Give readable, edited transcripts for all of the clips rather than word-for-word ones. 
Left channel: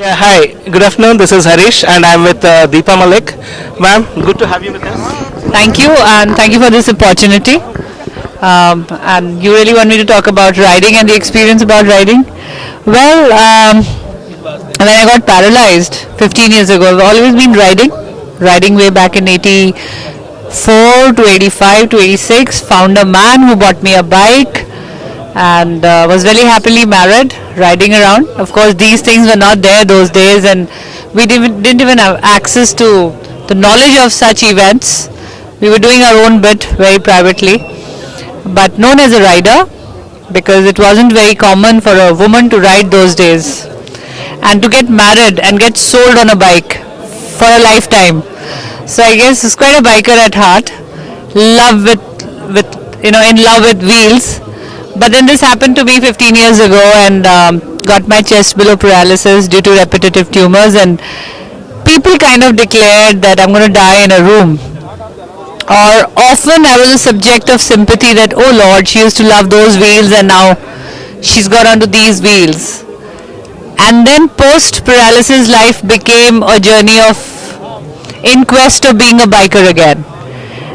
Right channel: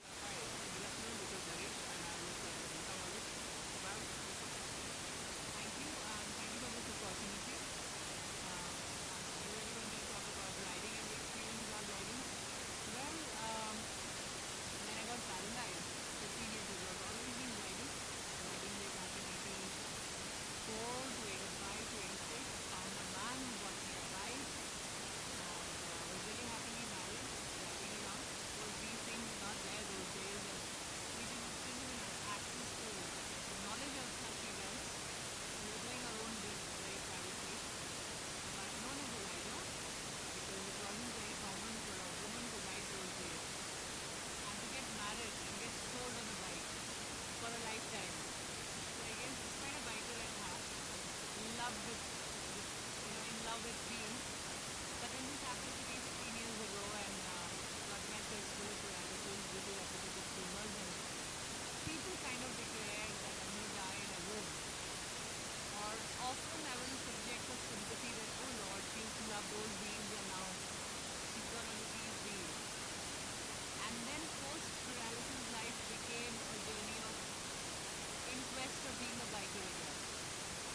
Yeah, hi. Good afternoon. This is Harish, and I'm with Deepa Malik. Ma'am, good to have you with us. Thank you, and thank you for this opportunity. And you really want me to talk about riding and the experience about riding? Well, when I got paralyzed 15 years ago, I've always been riding way back in 84 to 85 to 86. Found a man who bought me a bike and was very happily married, riding around. Of course, these things were not there those days, and we didn't even have access to the knowledge of such events. We were doing our own bit very privately, but known as a rider because it wasn't very common for a woman to ride those days and to get married and get sold on a bike for a lifetime. So I guess it's quite a biker at heart, in love with wheels. But then this happened to me 15 years ago, and got my chest below paralysis due to repetitive tumors, and people kind of declared that I'm going to die in a room. Or often I was a subject of sympathy that, oh Lord, she used to love those wheels and now she's got onto these wheels. And then post paralysis life became a journey of in quest of being a biker again.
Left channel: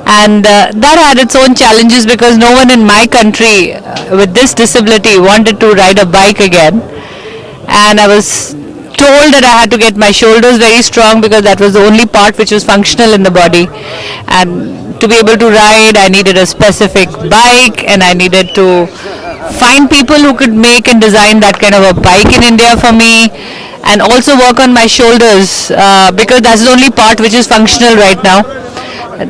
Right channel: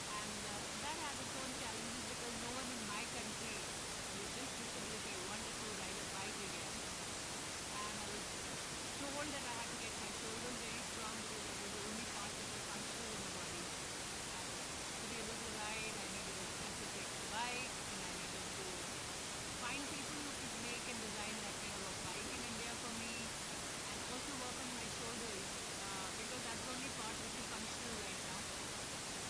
And that had its own challenges because no one in my country with this disability wanted to ride a bike again. And I was told that I had to get my shoulders very strong because that was the only part which was functional in the body. And to be able to ride, I needed a specific bike, and I needed to find people who could make and design that kind of a bike in India for me, and also work on my shoulders because that's the only part which is functional right now.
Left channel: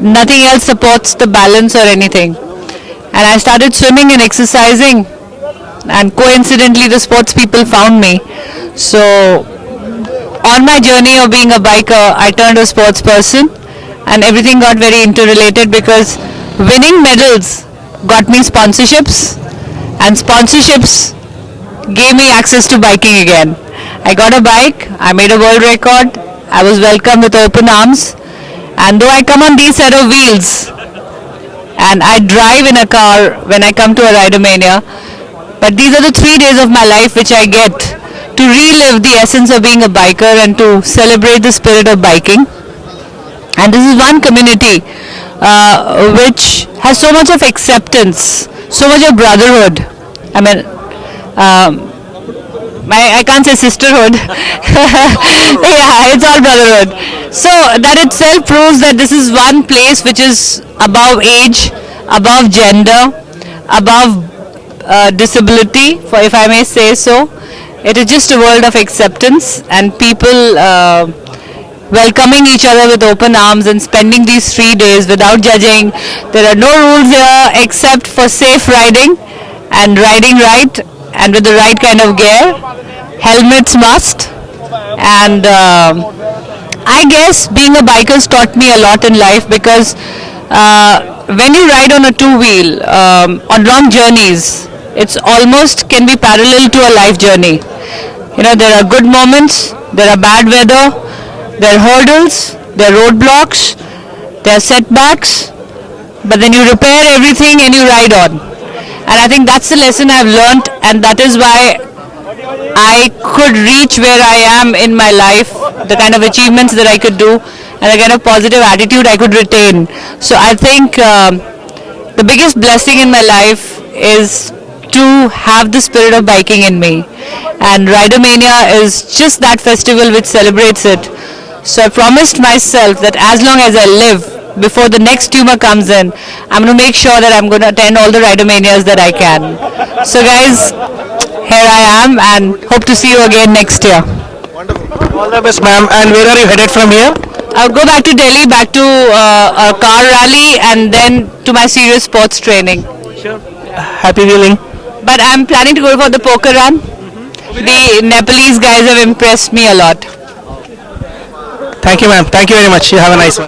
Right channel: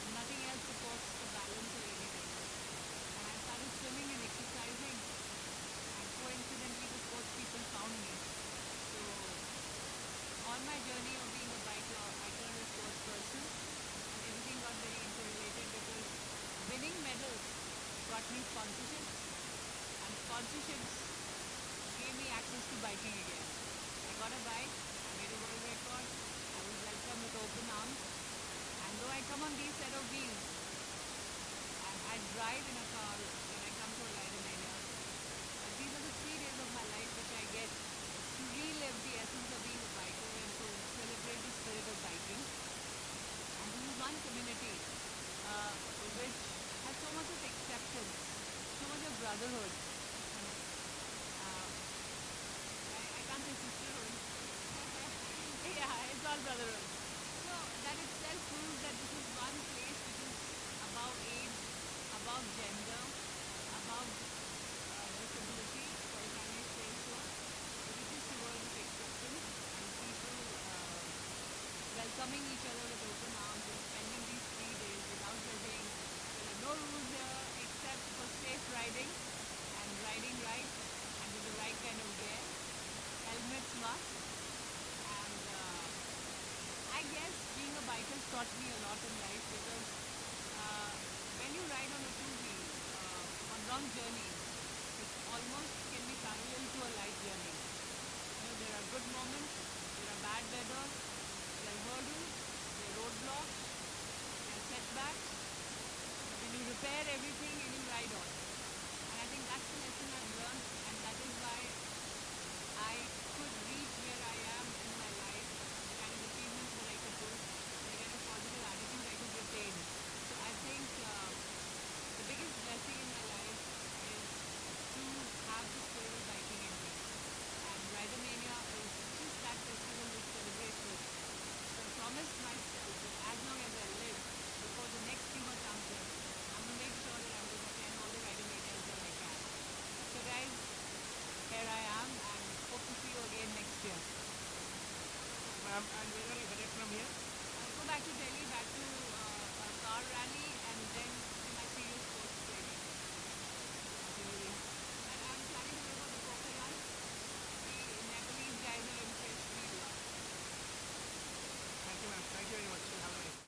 Nothing else supports the balance or anything. And I started swimming and exercising, and coincidentally the sports people found me. So on my journey of being a biker, I turned a sports person, and everything got very interrelated because winning medals got me sponsorships, and sponsorships gave me access to biking again. I got a bike, I made a world record, I was welcomed with open arms, and though I come on these set of wheels and I drive in a car when I come to a Ridermania, but these are the 3 days of my life which I get to relive the essence of being a biker and to celebrate the spirit of biking. And this is one community which has so much of acceptance, so much of brotherhood. I mean, I can't say sisterhood. Yeah, it's all brotherhood. So that itself proves that this is one place which is above age, above gender, above disability, if I may say so. It is just a world of acceptance and people welcoming each other with open arms and spending these 3 days without judging. There are no rules here except for safe riding and riding right and with the right kind of gear. Helmets must. And I guess being a biker has taught me a lot in life because when you ride on a two-wheel on long journeys, it's almost can be parallel to a life journey. You know, there are good moments, there are bad weather, there are hurdles, there are roadblocks, there are setbacks, but then you repair everything and you ride on. And I think that's the lesson I've learned, and that is why I could reach where I am in my life, the kind of achievements that I could do, and the kind of positive attitude I could retain. So I think the biggest blessing in my life is to have the spirit of biking in me. And Ridermania is just that festival which celebrates it. So I promised myself that as long as I live, before the next tumor comes in, I'm going to make sure that I'm going to attend all the Ridermanias that I can. So guys, here I am and hope to see you again next year. Wonderful. All the best, ma'am. And where are you headed from here? I'll go back to Delhi, back to a car rally, and then to my serious sports training. Sure. Happy wheeling. But I'm planning to go for the poker run. The Nepalese guys have impressed me a lot. Thank you, ma'am. Thank you very much. You have a nice one.